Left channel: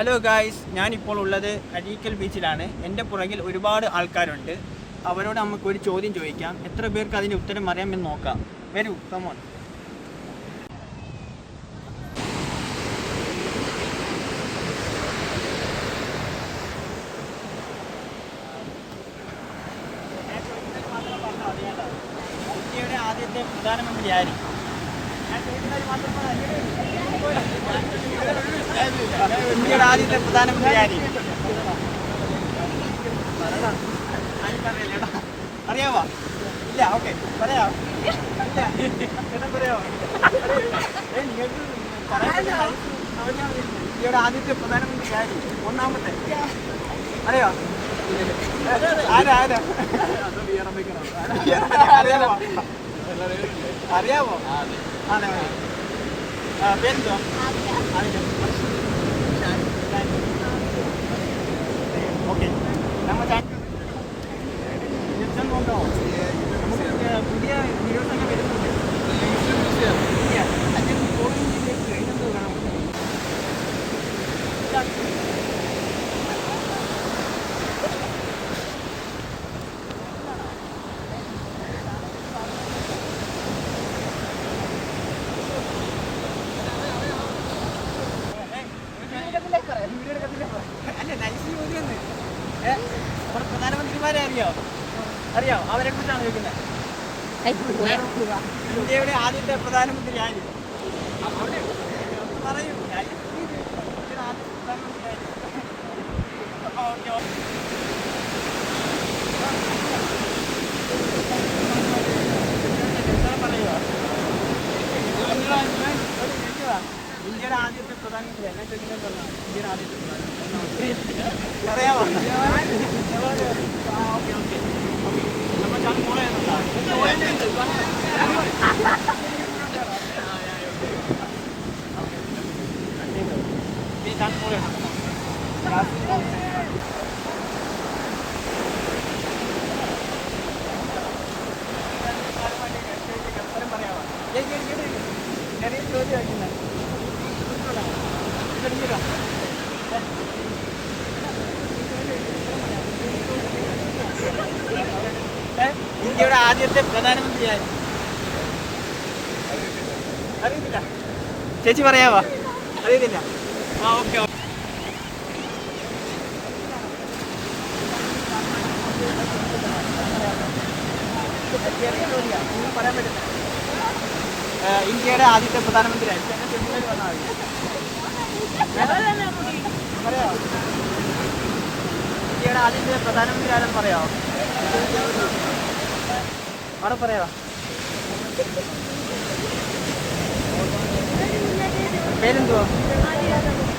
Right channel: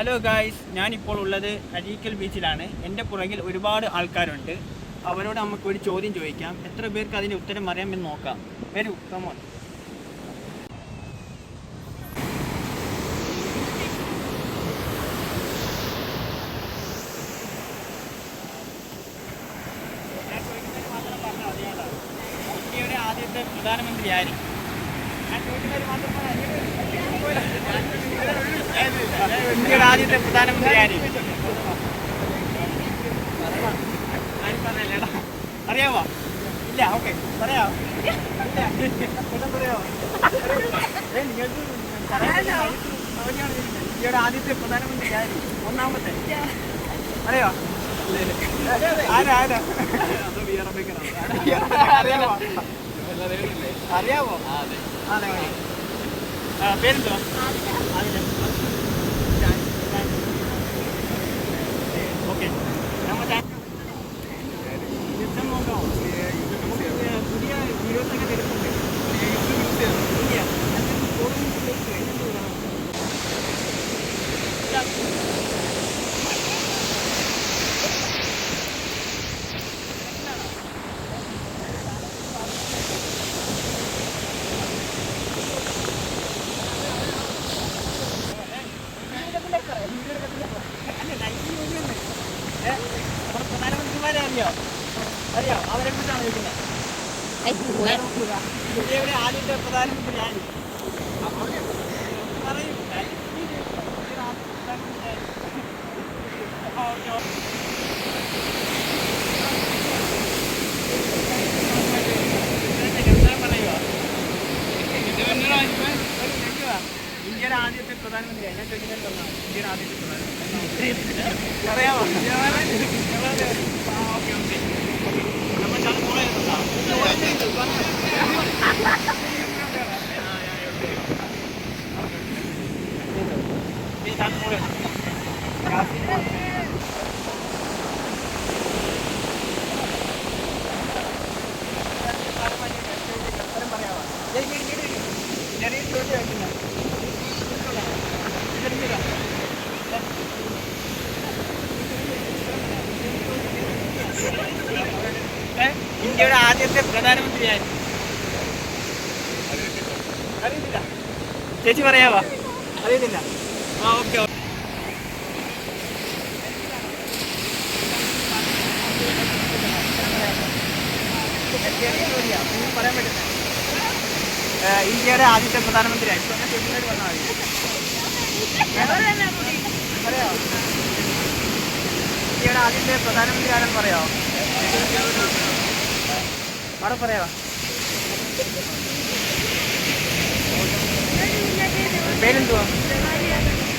Hello guys, ഞാനിപ്പോൾ ഉള്ളത് അഴീക്കൽ ബീച്ചിലാണ്. എൻ്റെ പുറകിൽ ഒരുപാട് ആൾക്കാരുണ്ട്. അവരോട് നമുക്ക് ഒരു ചോദ്യം ചോദിക്കാം. എത്ര പേർക്ക് അതിൻ്റെ ഉത്തരം അറിയാമെന്ന് നോക്കാം. വരൂ, കമോൺ. ഇന്ത്യയുടെ ആദ്യത്തെ പ്രധാനമന്ത്രി ആര്? ഇന്ത്യയുടെ ആദ്യത്തെ പ്രധാനമന്ത്രി ആര്? അറിയാമോ? ഇല്ല, ഓക്കെ, പറയാമോ? ഇല്ല, പറയാമോ? നിങ്ങൾക്ക് ഇന്ത്യയുടെ ആദ്യത്തെ പ്രധാനമന്ത്രി ആര്? ഒന്നാമത്തെ അറിയോ? ആരാ? അറിയാമോ? അറിയാമോ? അതെ, പേരെന്തോ? ഓക്കെ, നമ്മൾ നോക്കാമോ? നമുക്ക് പുതിയ വീഡിയോസൊക്കെ വരുന്നുണ്ട്. ഇല്ല, അല്ലെങ്കിൽ കോവിഡിലേക്ക് എന്തോ കാണാം. പ്രധാനമന്ത്രിമാരെ അറിയോ? അവരെ കുറിച്ചാണ് ചോദിക്കുന്നത്. ഇന്ത്യയുടെ ആദ്യത്തെ പ്രധാനമന്ത്രി ആര്? പറയൂ. ഇന്ത്യയുടെ ആദ്യത്തെ പ്രധാനമന്ത്രി ഞാൻ ചോദിക്കുന്നത് പറഞ്ഞാൽ ഇന്ത്യയുടെ ആദ്യത്തെ പ്രധാനമന്ത്രി അറിയാമോ? ഓക്കെ ഓക്കെ നമ്മൾ ചെറിയ ചോദ്യം വയ്ക്കുന്നത് ഇന്ത്യയുടെ ആദ്യത്തെ പ്രധാനമന്ത്രി ആര്? അറിയത്തില്ല. ചേച്ചി പറയാവോ? അറിയത്തില്ല. ഓക്കെ, പറയാൻ പറ്റുന്നത് ഇന്ത്യയുടെ ആദ്യത്തെ പ്രധാനമന്ത്രി ആയി പറഞ്ഞാൽ പറയാമോ? ഇന്ത്യയുടെ ആദ്യത്തെ പ്രധാനമന്ത്രി ആരും പറയാമോ? അവിടെ പറയാമോ? പേരെന്തുവാ?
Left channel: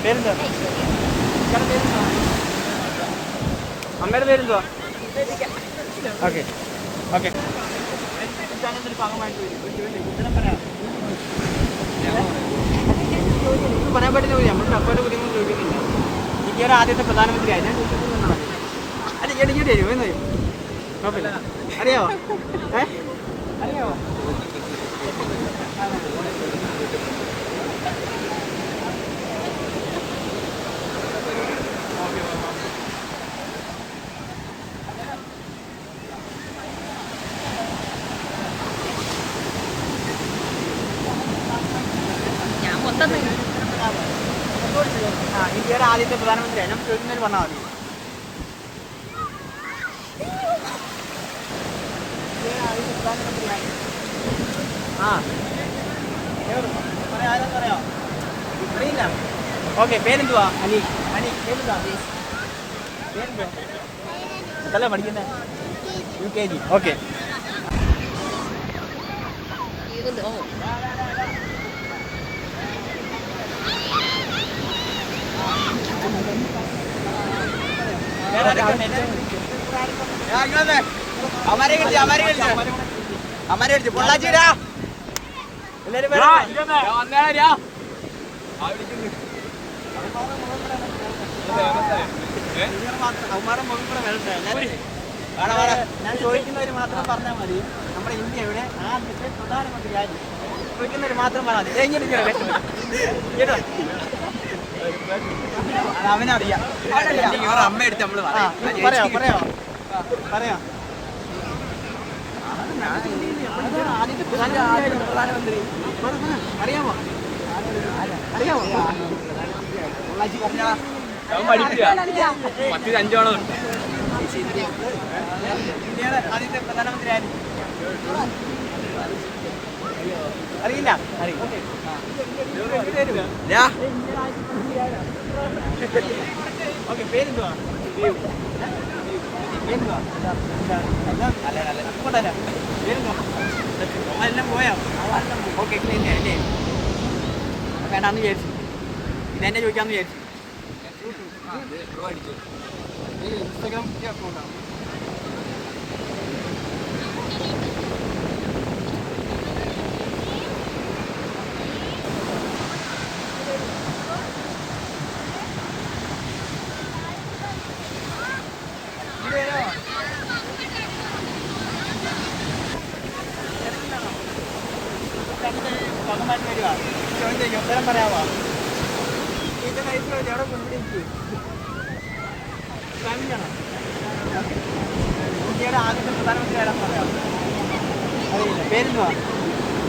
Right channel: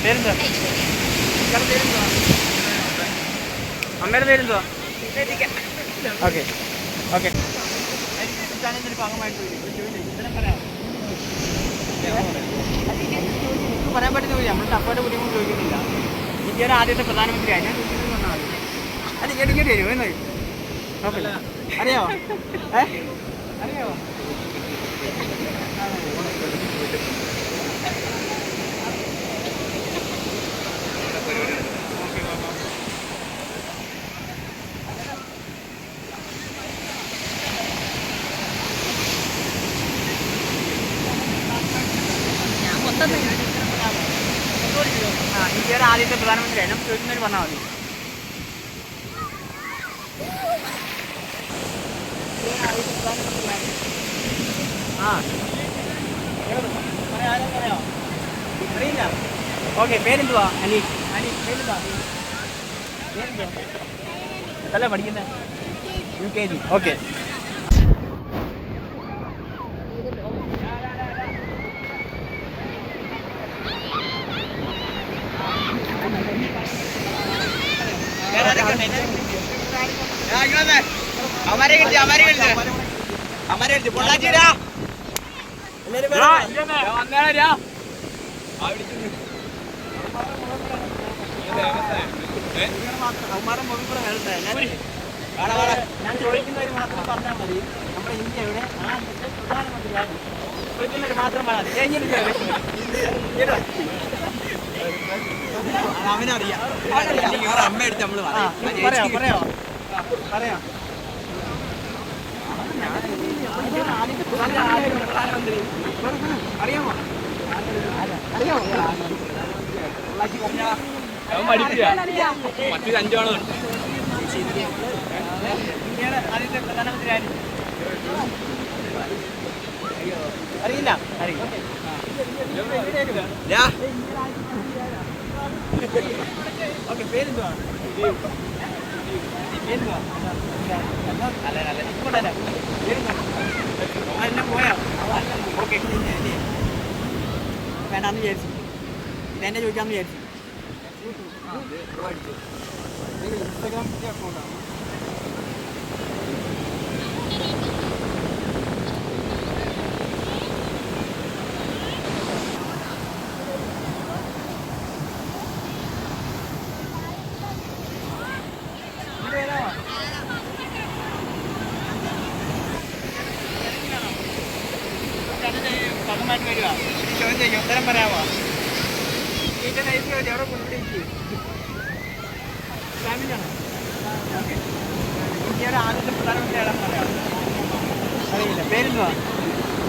പേരെന്തുവാ? പേരെന്തുവാ? അമ്മയുടെ പേരെന്തുവാ? Okay okay. ഭാഗമായിട്ട് ഉത്തരം പറയാം. പറയാൻ പറ്റുന്ന നമ്മുടെ അപ്പയുടെ കുടുംബം ചോദിക്കുന്നില്ല. ഇന്ത്യയുടെ ആദ്യത്തെ പ്രധാനമന്ത്രി ആയി ഞാൻ അല്ല എനിക്ക് തരും എന്ന് തരും. ഓക്കെ, അറിയാമോ? അറിയാമോ? ഓക്കെ, ഇന്ത്യയുടെ ആദ്യത്തെ പ്രധാനമന്ത്രിയായി നമുക്ക് ചോദിക്കുന്നതിന് പറഞ്ഞാൽ മതി. ആദ്യത്തെ പ്രധാനമന്ത്രിയാണ്. ആരെന്ന് പറയാമോ? അറിയില്ല. ഓക്കെ, പേരെന്തുവാ? അനീഷ്. പേരെന്താ? പേരെന്തോ? അല്ല പഠിക്കുന്നത് UKG. ഓക്കെ. പൊള്ളാച്ചിരാ ഞാൻ ചോദിക്കുന്നവര് മാത്രം പറഞ്ഞാൽ മതി. നമ്മുടെ ഇന്ത്യയുടെ ആദ്യത്തെ പ്രധാനമന്ത്രി ചോദിക്കുന്നവര് മാത്രം പറഞ്ഞാൽ മതി. അവനറിയാം. അമ്മ എടുത്ത് നമ്മള് പറയാ പറയാ പറയാ പ്രധാനമന്ത്രി അറിയാമോ? അറിയാമോ? ഇന്ത്യയുടെ ആദ്യത്തെ പ്രധാനമന്ത്രി ആര്? അറിയില്ല. അറിയില്ല. ഓക്കെ, പേരെന്തുവാ? പേരെന്തുവാ? അതെല്ലാം പോയോ? ഓക്കെ, അല്ലേ? വേണ്ടാന്ന് വിചാരിച്ചു. ഇതെന്നെ ചോദിക്കാമെന്ന് വിചാരിച്ചു. ഇൻസ്റ്റാഗ്രാം അക്കൗണ്ടാണ്. ഉത്തരം പറയാമോ? ഇതിന്റെ നൈസ് എവിടെ ഇവിടെ ഫാമിലിയാണോ? ഓക്കെ. ഇന്ത്യയുടെ ആദ്യത്തെ പ്രധാനമന്ത്രി ആരാന്ന് പറയാം? അറിയില്ല. പേരെന്തുവാ?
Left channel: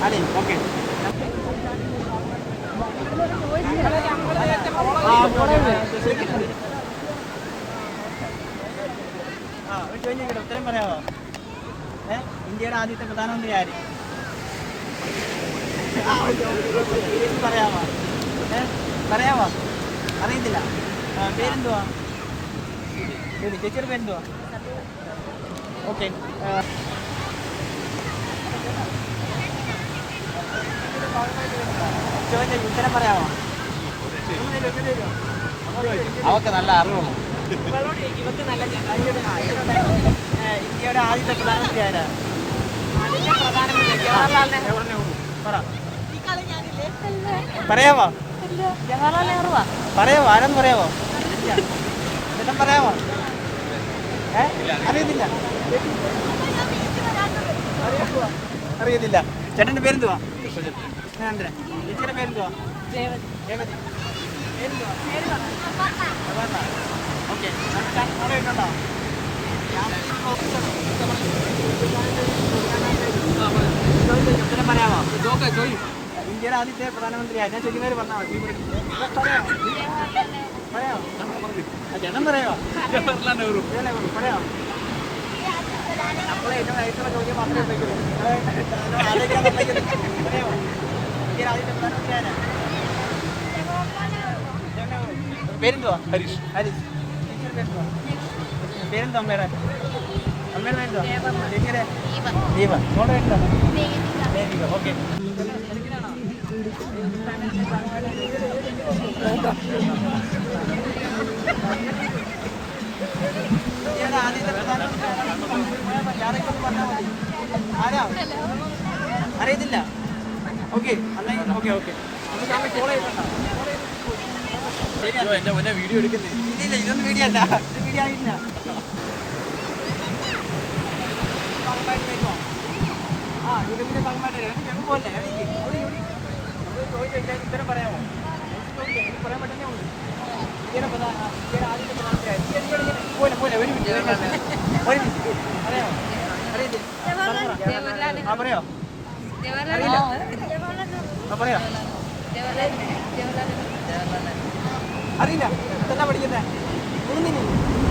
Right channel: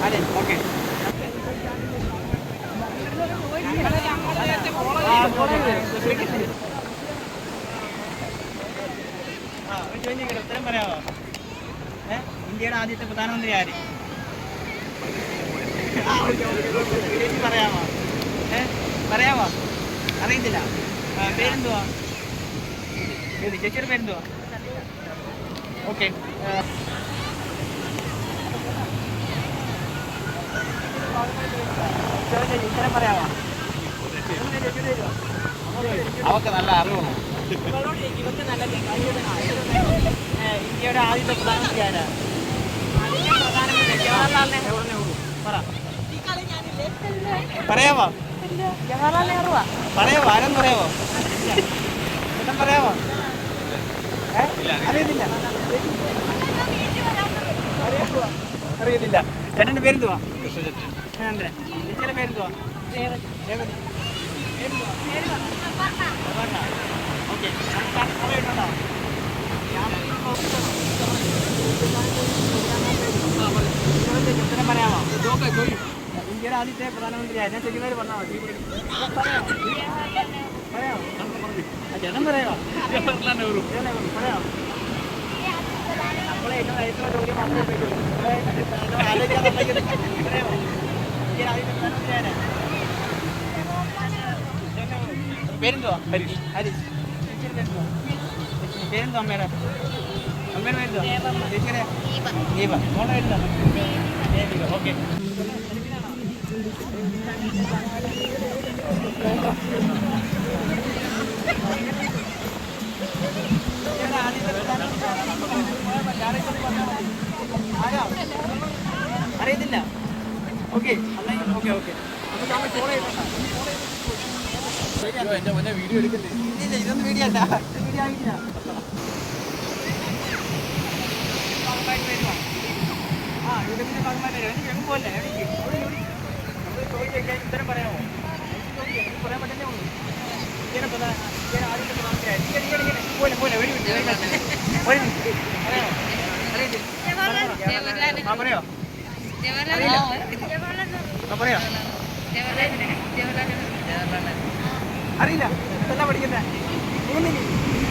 അതെ, ഓക്കെ. ഉത്തരം പറയാമോ? ഇന്ത്യയുടെ ആദ്യത്തെ പ്രധാനമന്ത്രി ആര്? പറയാമോ? പറയാമോ? അറിയത്തില്ല. പേരെന്തുവാ? ചേച്ചിയുടെ പേരെന്തുവാ? ഓക്കെ. ഉത്തരം പറയാമോ? അവർക്ക് നല്ല അറിവുള്ളൂ. ഇന്ത്യയുടെ ആദ്യത്തെ പ്രധാനമന്ത്രി ആരാ? പ്രധാനമന്ത്രി ജവഹർലാൽ നെഹ്റു. പറയാമോ? ജവഹർലാൽ നെഹ്റു പറയാമോ? ആരെന്ന് പറയാമോ? ചേട്ടൻ പറയാമോ? അറിയത്തില്ല. അറിയത്തില്ല. ചേട്ടൻ്റെ പേരെന്തുവാ? ചന്ദ്രൻ. ചേച്ചിയുടെ പേരെന്തുവാ? രേവതി. പേരെന്തുവാ? ഓക്കെ. ഉത്തരം പറയാമോ? ഇന്ത്യയുടെ ആദ്യത്തെ പ്രധാനമന്ത്രി ഞാൻ ചോദിക്കുന്നവർ പറഞ്ഞാൽ മതി. പറയാമോ? പറയാമോ? ചേട്ടൻ പറയാമോ? ജവഹർലാൽ നെഹ്റു. പറയാമോ? നമ്മളെ ഏറ്റവും നയിച്ചുള്ള ചോദ്യം മാത്രമേ പറയാമോ? ഇന്ത്യയുടെ ആദ്യത്തെ പ്രധാനമന്ത്രി ആരാ? പേരെന്തുവാ? ഹരീഷ്. ഹരീഷ്. പേരെന്തുവാ? പേരെന്തുവാ അമ്മയുടെ? അമ്മയുടെ പേരെന്തുവാ? ചേച്ചിയുടെ? ദീപ. മോളുടെ പേരെന്താ? ദേവിക. ഓക്കെ. ഇന്ത്യയുടെ ആദ്യത്തെ പ്രധാനമന്ത്രി അറിയത്തില്ല. Okay, okay okay. നമുക്ക് അങ്ങ് ഫോളോ ചെയ്യണ്ട. എന്റെ മുന്നേ വീഡിയോ എടുക്കുന്നേ. ഇല്ല, ഇതൊന്നും വീഡിയോ അല്ല. ഇത് വീഡിയോ ആയിട്ടില്ല. ഭാഗമായിട്ട് വരുമോ? യൂട്യൂബിന്റെ ഭാഗമായിട്ട് വരും. എങ്ങും പോലെ ചോദിക്കാൻ ഉത്തരം പറയാമോ? പറയാൻ പറ്റുന്നേ ഉള്ളൂ. ഇന്ത്യയുടെ ആദ്യത്തെ പ്രധാനമന്ത്രി പോലെ പോലെ ഒരു മിനിറ്റ് പറയാമോ? അറിയത്തില്ല. പറയോ? അറിയില്ല. പറയോ? അറിയില്ല. എന്താ പഠിക്കുന്നത്? മൂന്നിന്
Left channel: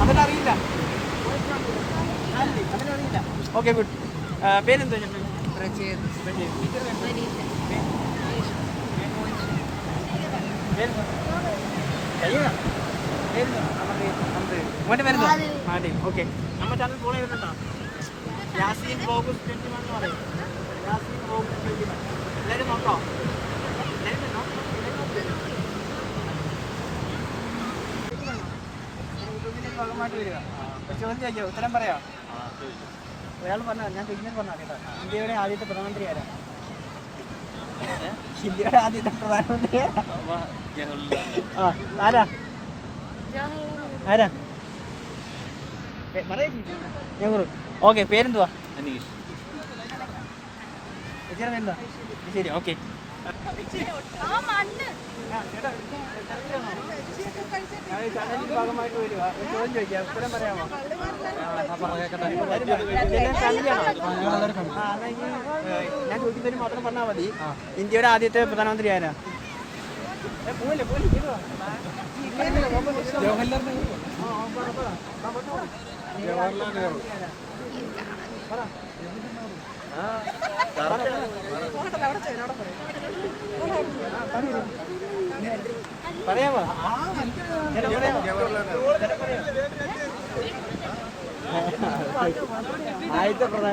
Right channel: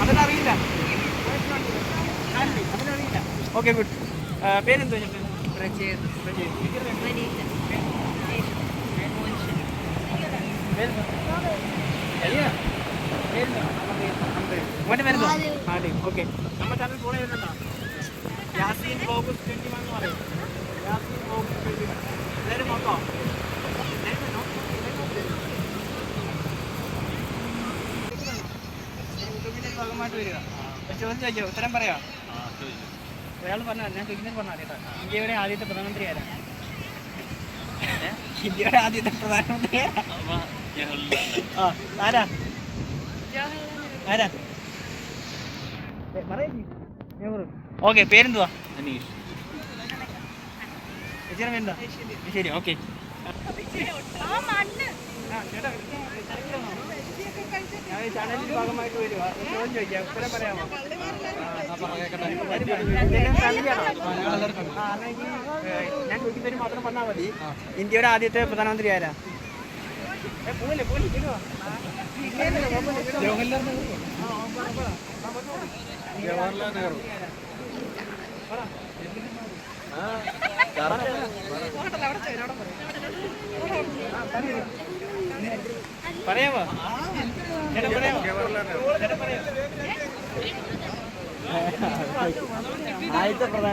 അതെല്ലാം അറിയില്ല. അതെല്ലാം അറിയില്ല. Okay, good. പേരെന്തോ? മോൻ്റെ പേരെന്തോ? ഓക്കെ. നമ്മുടെ ചാനൽ ഫോളോ ചെയ്തിട്ടുണ്ടോ? യാസീൻ ബോഗസ് 21 എന്ന് പറയും. യാസീൻ ബോഗസ് 21. എല്ലാവരും നോക്കോ? യൂട്യൂബിന്റെ ഭാഗമായിട്ട് വരിക. ചോദ്യം ചോദിച്ചോ? ഉത്തരം പറയാം. ഒരാൾ പറഞ്ഞാൽ ഞാൻ ചോദിക്കുന്നത് പറഞ്ഞാൽ കേട്ടോ. ഇന്ത്യയുടെ ആദ്യത്തെ പ്രധാനമന്ത്രി ആരാ? ഇന്ത്യയുടെ ആദ്യത്തെ പ്രധാനമന്ത്രി ആരാ? ആരാ? നെഹ്റു. ഓക്കെ. പേരെന്തുവാ? അനീഷ്. ചേച്ചിയുടെ പേരെന്താ? ശരി, ഓക്കെ. ചാനലിന്റെ ഭാഗമായിട്ട് വരുവാ. ചോദ്യം ചോദിക്കാം, ഉത്തരം പറയാമോ? ഞാൻ ചോദിക്കുന്നതിന് മാത്രം പറഞ്ഞാൽ മതി. ഇന്ത്യയുടെ ആദ്യത്തെ പ്രധാനമന്ത്രി ആരാ? പോലെ പോലെ ജവഹർലാൽ നെഹ്റു. പറയാമോ?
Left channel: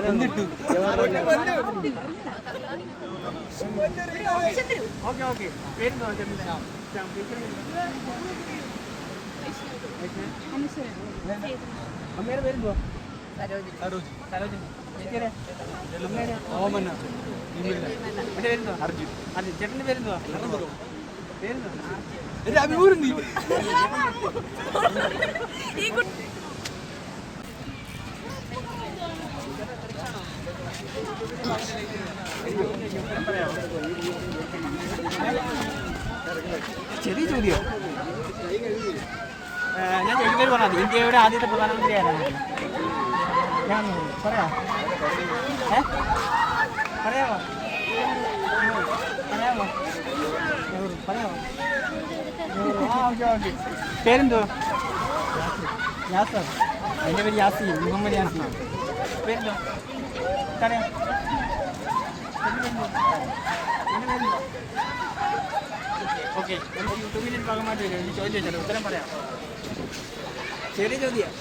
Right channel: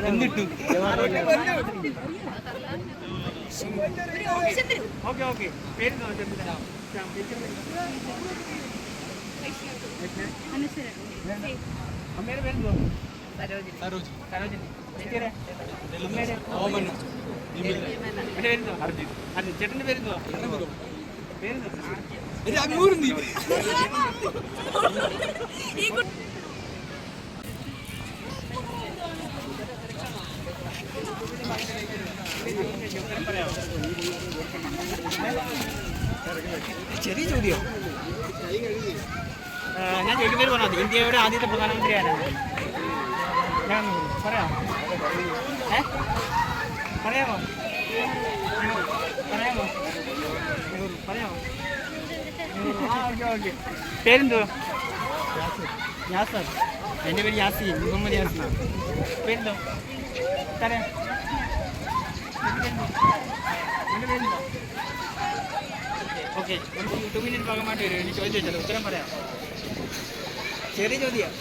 എന്തിട്ടു? Okay okay. പേരുന്നോ? അമ്മയുടെ പേരെന്തോ? സരോജിനി. അമ്മയുടെ പേരെന്തോ? അർജുൻ. ചേട്ടൻ്റെ പേരെന്തോ? പേരെന്തോ? ചെറിയ ചോദ്യം. ഞാൻ ചോദിക്കുന്നത് പറഞ്ഞാൽ ഇന്ത്യയുടെ ആദ്യത്തെ പ്രധാനമന്ത്രി ആരാണ്? ഞാൻ പറയാമോ? പറയാമോ? പറയാമോ? പറയാമോ? ആ ഓക്കെ ഓക്കെ. പേരെന്തോ? യാസർ. എൻ്റെ പേര് യാസീൻ, മുഹമ്മദ് യാസീൻ. പേരെന്തോ? പറയാം. എൻ്റെ പേരെന്തോ? ഓക്കെ. 2 മിനിറ്റ് ഭാഗമായിട്ട് വരും. എനിക്ക് ചോദ്യം ചോദിച്ചത് ഉത്തരം പറയാം. ചെറിയ ചോദ്യം.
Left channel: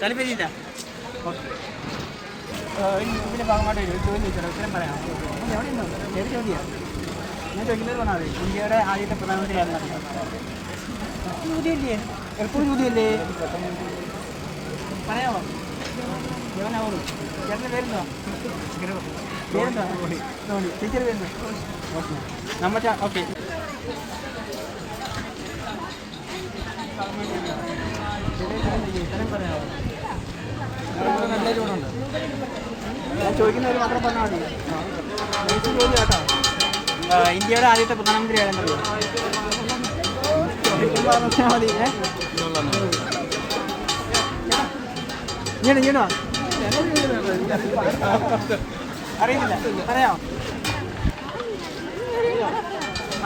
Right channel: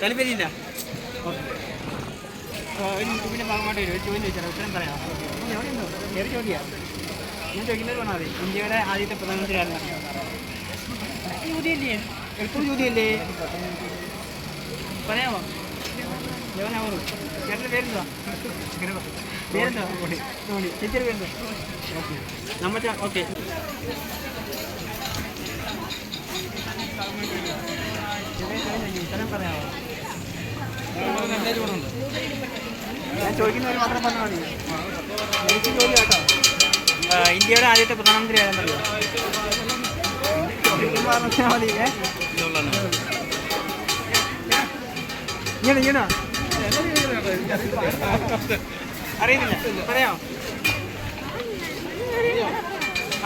താല്പര്യമില്ല. 2 മിനിറ്റ് ഭാഗമായിട്ട് വരും. ചോദ്യം ചോദിച്ചാൽ ഉത്തരം പറയാം. ഓക്കെ. എവിടെയുണ്ടോ? ചെറിയ ചോദ്യമാണ്. ഞാൻ ചോദിക്കുന്നത് പറഞ്ഞാൽ മതി. ഇന്ത്യയുടെ ആദ്യത്തെ പ്രധാനമന്ത്രി ആരെന്ന് അറിയാം? ചോദ്യമല്ലേ? എപ്പോഴും ചോദ്യമല്ലേ? പറയാമോ? ജവഹർലാൽ നെഹ്റു. ചേട്ടൻ്റെ പേരെന്തോ? പേരെന്തോ? ധോണി. ടീച്ചർ പേരെന്തോ? ഓക്കെ. നമ്മുടെ ഓക്കെ. നല്ല ചോറുണ്ട്. ഞാൻ ചോദിക്കുന്നവർ മാത്രം പറഞ്ഞാൽ മതി. എനിക്ക് ചോദ്യം കേട്ടോ. ഇന്ത്യയുടെ ആദ്യത്തെ പ്രധാനമന്ത്രി ആരെന്നറിയോ? മതി. ഇങ്ങനോ അറിയുന്നില്ല. പറയാമോ?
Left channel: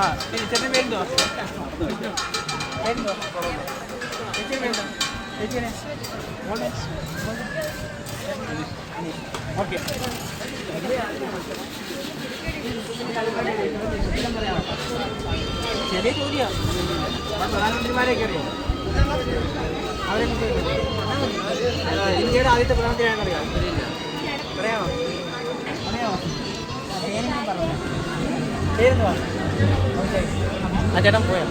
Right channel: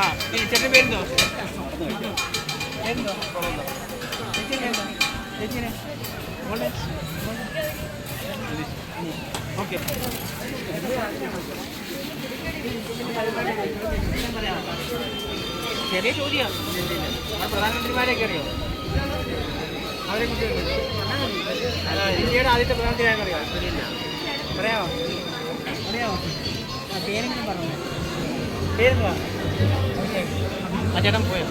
ആ ചേച്ചി പേരെന്തോ? പേരെന്തോ? ചേച്ചി പേരെന്തോ? ചേച്ചിനെ ഓക്കെ. പറയാമോ? ചെറിയ ചോദ്യം. പ്രധാനമന്ത്രിമാരെയൊക്കെ അറിയോ? അവരൊക്കെ ഇന്ത്യയുടെ ആദ്യത്തെ പ്രധാനമന്ത്രി ആരെന്നറിയാം? പറയാമോ? പറയാമോ? പേരെങ്കിലും പറഞ്ഞേ. പേരെന്തുവാ? ആ ചേട്ടൻ പോയോ?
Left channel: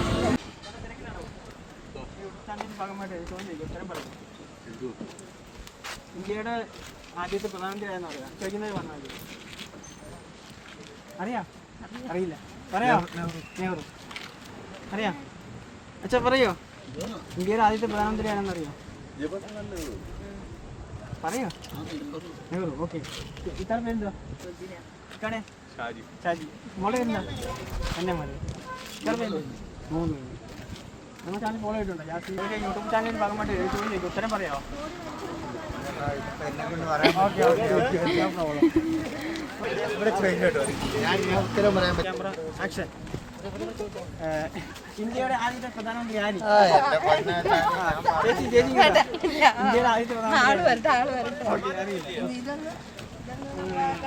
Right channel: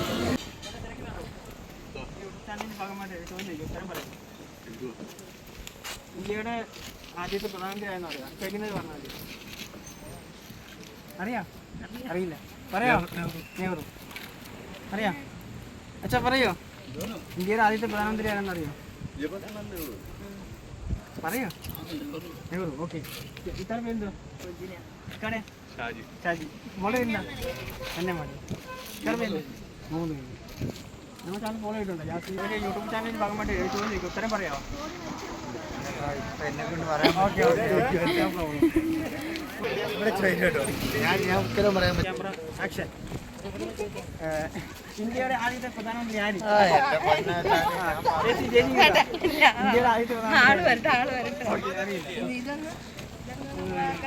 ചാനലിൻ്റെ ഭാഗമായിട്ട് ചോദ്യം ചോദിക്കും, ഉത്തരം പറയും. ഇന്ത്യയുടെ ആദ്യത്തെ പ്രധാനമന്ത്രി ആരെന്ന് അറിയാം? ചോദിക്കുന്നത് പറഞ്ഞാൽ മതി. അറിയാം? അറിയില്ല. പറയാമോ? നെഹ്റു. അറിയാം? അച്ഛാ പറയോ? ഇന്ത്യയുടെ ആദ്യത്തെ പ്രധാനമന്ത്രി ആരെന്ന് അറിയോ? പറയോ? നെഹ്റു. ഓക്കെ. ഇത്ര പേരെന്തോ? ഷാജി. മോളെ പേരെന്താ? എൻ്റെ മോളെ. ഇത്ര പേരെന്തോ? 3 പേര്. നമ്മുടെ ചാനൽ ഫോളോ ചെയ്തിട്ടുണ്ടോ? യൂട്യൂബ് ചാനലിൻ്റെ ഭാഗമായിട്ട് ചോദ്യം ചോദിക്കും, ഉത്തരം പറയാമോ? എന്നെ കൊണ്ട് പറയാം. Okay okay okay. ഞാൻ ഉത്തരം പറയാം. Camera action. ഇന്ത്യയുടെ ആദ്യത്തെ പ്രധാനമന്ത്രി ആര്?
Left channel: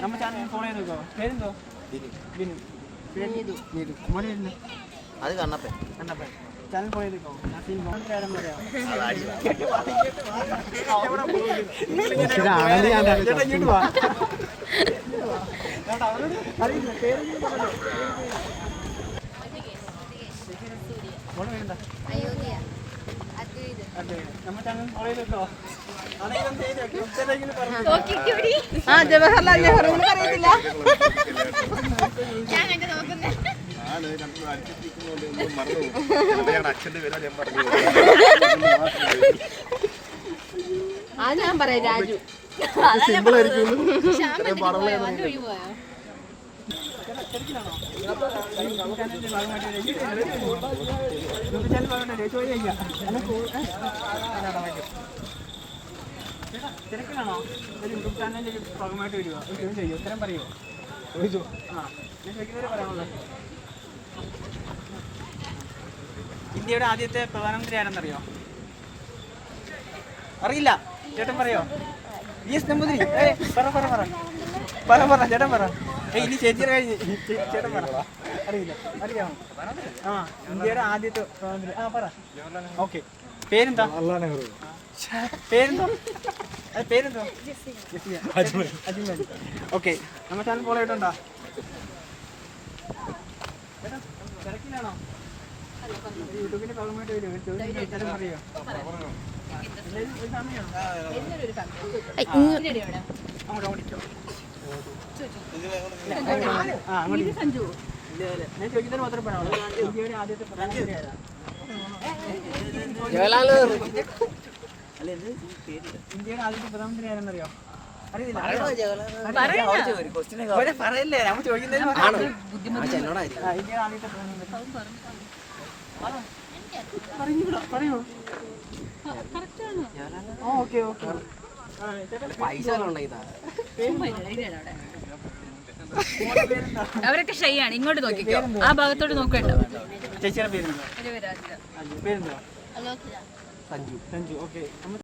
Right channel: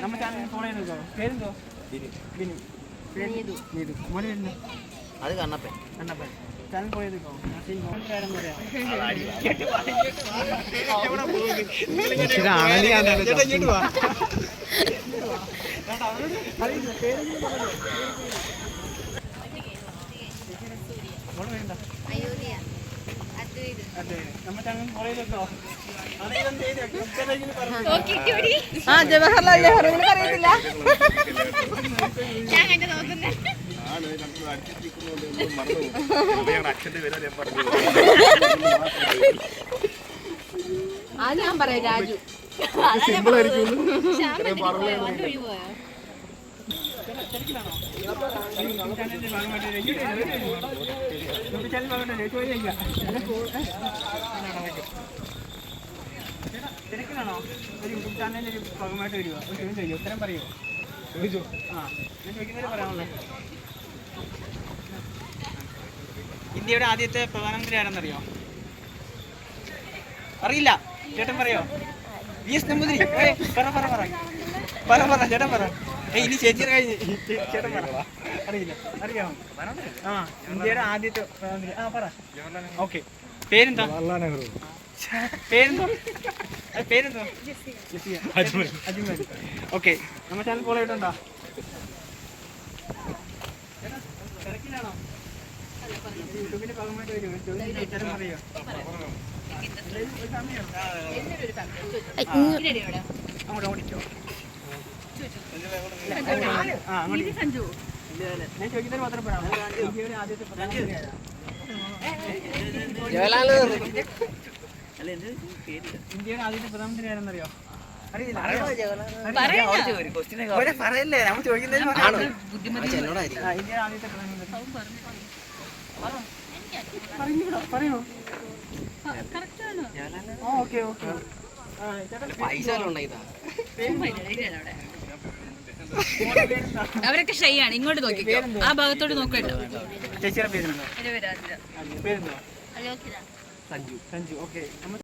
നമ്മുടെ ചാനൽ ഫോളോ ചെയ്ത് നോക്കോ. പേരെന്തോ? ബിനു. നീതു. മോനെ വരുന്നു? അത് കണ്ണപ്പൻ. ചാനൽ ഫോളോ ചെയ്ത് നോക്കോ. ആരെന്ന് പറയാം? അതെ. നമ്മുടെ ചാനൽ ഫോളോ ചെയ്ത് നോക്കോ. ജവഹർലാൽ നെഹ്റു അറിയില്ല. അച്ഛൻ്റെ പേരാ ഞാൻ പറഞ്ഞു. ഞാൻ പറയാം രാജു. സിമ്പിൾ ആയിരിക്കും. തിരക്കിലാണോ? യൂട്യൂബ് ചാനലിന്റെ ഭാഗമായിട്ട് ചോദിക്കാം. തിരക്കിലാണോ? ഒരു യൂട്യൂബ് ചാനലിന്റെ ഒരു ഭാഗമായിട്ട് വരുക. ഒരു ചോദ്യം ചോദിക്കും, ഉത്തരം പറയുമോ? ആ, ഞാൻ ചോദിക്കുന്നവരെ പറയാമല്ലോ. ഇന്ത്യയുടെ ആദ്യത്തെ പ്രധാനമന്ത്രി ആരെന്നറിയോ? അറിയില്ല. ചേട്ടൻ പറയോ? VS നമ്പൂതിരി. പറ ചേട്ടൻ പറ. ഇനി ചേച്ചിയുടെ കഴിഞ്ഞ് ചേട്ടൻ പറ. അറിയില്ല. അറിയോ? ആ, ഇന്ത്യയുടെ ആദ്യത്തെ പ്രധാനമന്ത്രി. ആ, പറ. ഓക്കെ. പേരെന്താ? പേരെന്തോ? അജ്മൽ. ഓക്കെ. നമ്മുടെ ചാനൽ ഫോളോ ചെയ്തിട്ടുണ്ടോ? തിരക്കിലാണോ? യൂട്യൂബിന്റെ ഭാഗമായിട്ട് വരും. ചോദ്യം പറയോ? അങ്ങോട്ട് ഓടിക്കോ. ഞാൻ ചോദിക്കുന്നത് മാത്രം പറയാം. ഇന്ത്യയുടെ ആദ്യത്തെ പ്രധാനമന്ത്രി ആരാ? ഇന്ത്യയുടെ ആദ്യത്തെ പ്രധാനമന്ത്രി ആരെന്നറിയോ? അറിയില്ല. പറയല്ലേ, നമ്മൾ ചോദിക്കുന്നതിന് ഇന്ത്യയുടെ ആദ്യത്തെ പ്രധാനമന്ത്രി പറയോ? ഓക്കെ. അവരൊക്കെ ഷൈ ആണ്. ഇങ്ങോട്ട് നോക്കി, ആ ഭാഗത്തോട്ട് നോക്കട്ടോ. ചേച്ചിയുടെ പേരെന്തോ? പേരെന്തോ? സഞ്ജു. ഓക്കെ.